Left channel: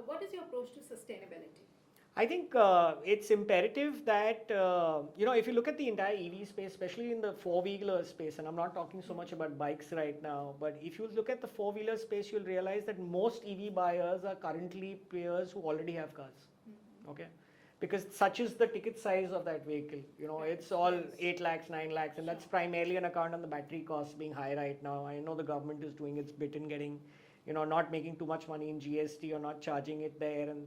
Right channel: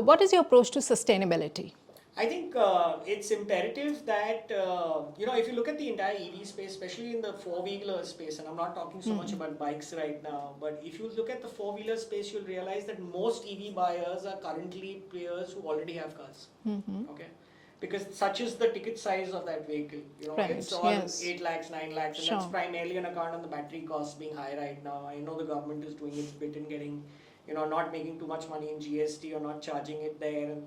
What is your approach to sustainability? I think it's imperative that, if you look at the entire EV space, especially in the four-wheeler space, and I'm not talking so much about bikes right now, but if you look at the four-wheeler space, you'll realize that most EV buyers are currently players who already have cars. Okay. Because such is the ticket size of that vehicle. Right, It's all yes. 8 lakhs, 9 lakhs, and that's primarily on account of the battery costs being high right now. I know the government is doing its bit in getting, not making too much money in GST or not charging it there and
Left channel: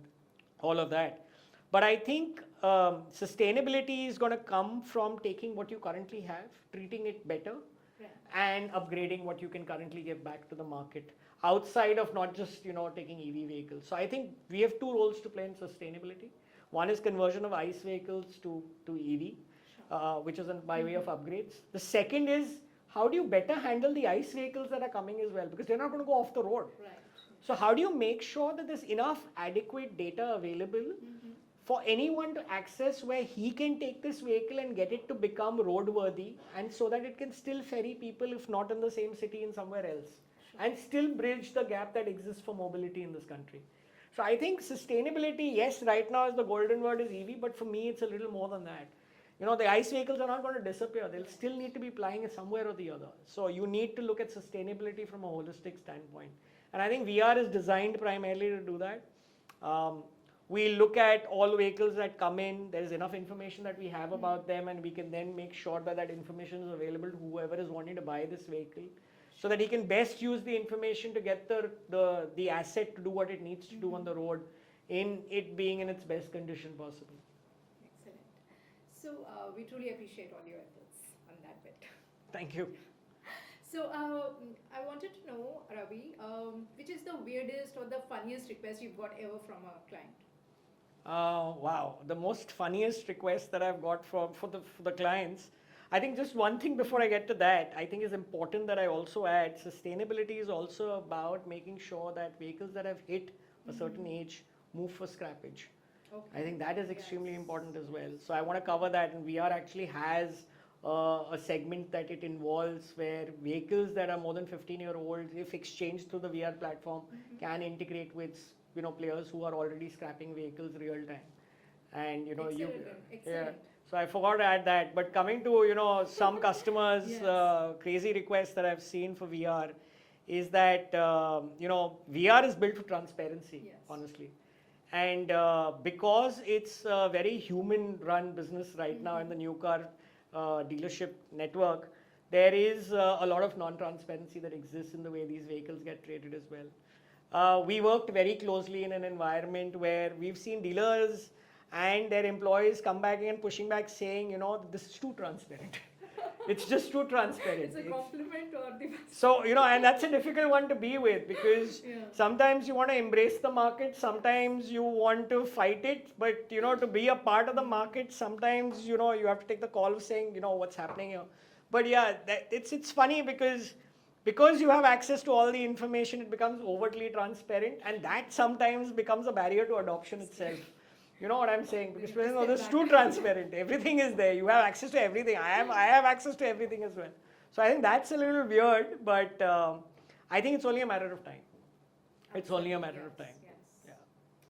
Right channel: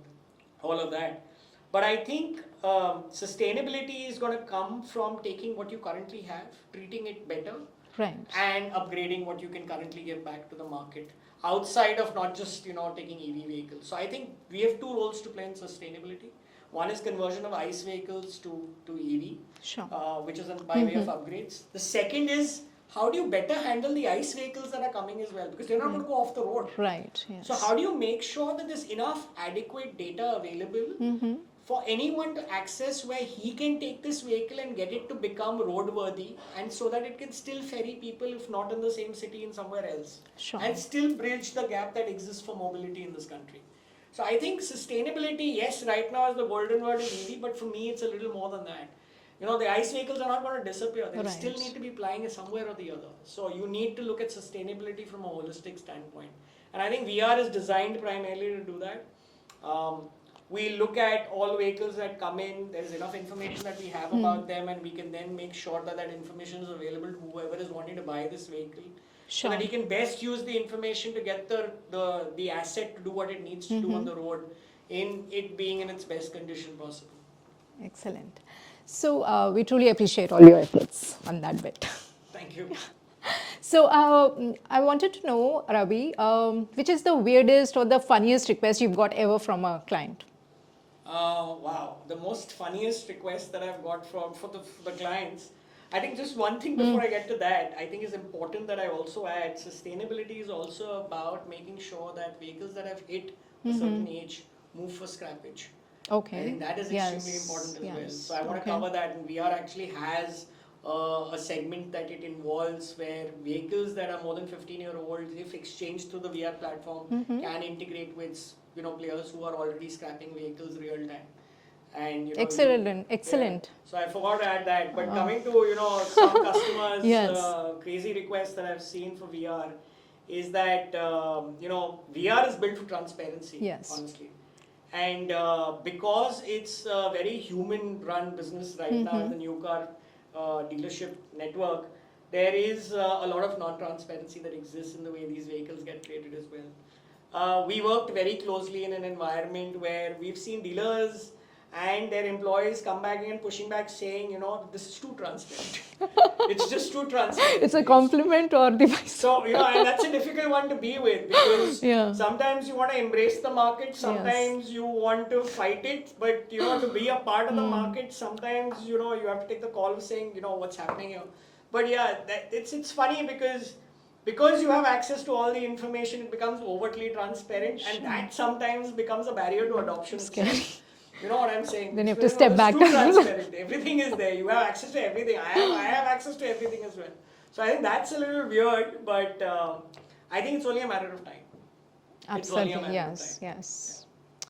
all of that. But I think sustainability is going to come from taking what you currently have, treating it better, Right. and upgrading what you can currently give back to the market outside of not just taking EV vehicles. So I think we have two roles to play in sustainability. One is conversion of ICE vehicles to EV, which is by way of upgrades. The second is how do you better handle the ICE vehicles that are coming as well, because they're not going to go off the road. Right. Yes. So how do you make sure that there's enough adequate data available for anyone to access where he can take this vehicle and get it to become roadworthy, and so that it can still ferry people, if not in the same city, in somewhere else, and still bridge the gap that exists for mobility in this country. So I think sustainability, yes, right now is the golden word in EV, but for me it's a little more than that. The ICE vehicles are not going to disappear. They still need to be plying somewhere or the other. So you need to look at sustainability from a holistic standpoint. And I think VR is designed primarily to do that. We look at all vehicles that come in. There's enough information that we have about them, and we can then make sure that that information is available to whoever is wanting to buy this vehicle. So that he can best use the information to get the asset to do what it needs to do on the road, in it being in its best condition possible. Excellent. So we truly appreciate all your efforts on that bit. Thank you. So I wanted to know, Ravi, which is the weirdest or the funniest request you've got ever from a client? Wow, the most funniest request that I've got for the clients. I think just one thing before I get to that, I think is important that I also add, sustainability is also about making sure that vehicles that have hit a certain age move for scrappage. Okay. I think that is extremely important as well. So I want to cover that, and VR actually has a segment that it involves where vehicles that are more than 15-year-old, if exchanged through the VR platform, can integrate with players who are already scrapping vehicles real time. And excellent. Yeah. So I forgot to add that. But coming to some customers' crazy requests that I've seen for VR is that VR is built for transparency. Honestly. And because it's a very human-run business right now in the new car dealership network, there is a lot of non-transparency that exists in the way these vehicles get traded as well. We worked very closely in an environment where we've seen dealers and their employees come back and pushing back saying, this is too transparent. It's just too transparent. It's a compliment or device. So, and that's a difficult one to be with, because sometimes you want to embrace the market, sometimes you want to fight it, but, to be a part of the market, sometimes, you have to take the call saying, what's happening here. But yeah, it's funny because you have access to all the information, it becomes overtly transparent, and that sometimes becomes a barrier to adoption. Scary. You know what I'm saying? Then you have to step back. It's too transparent. Everything is there. You have access to everything. I have access to everything as well. So I think that's a little weird, but I think it's only a matter of time. Absolutely. Yes.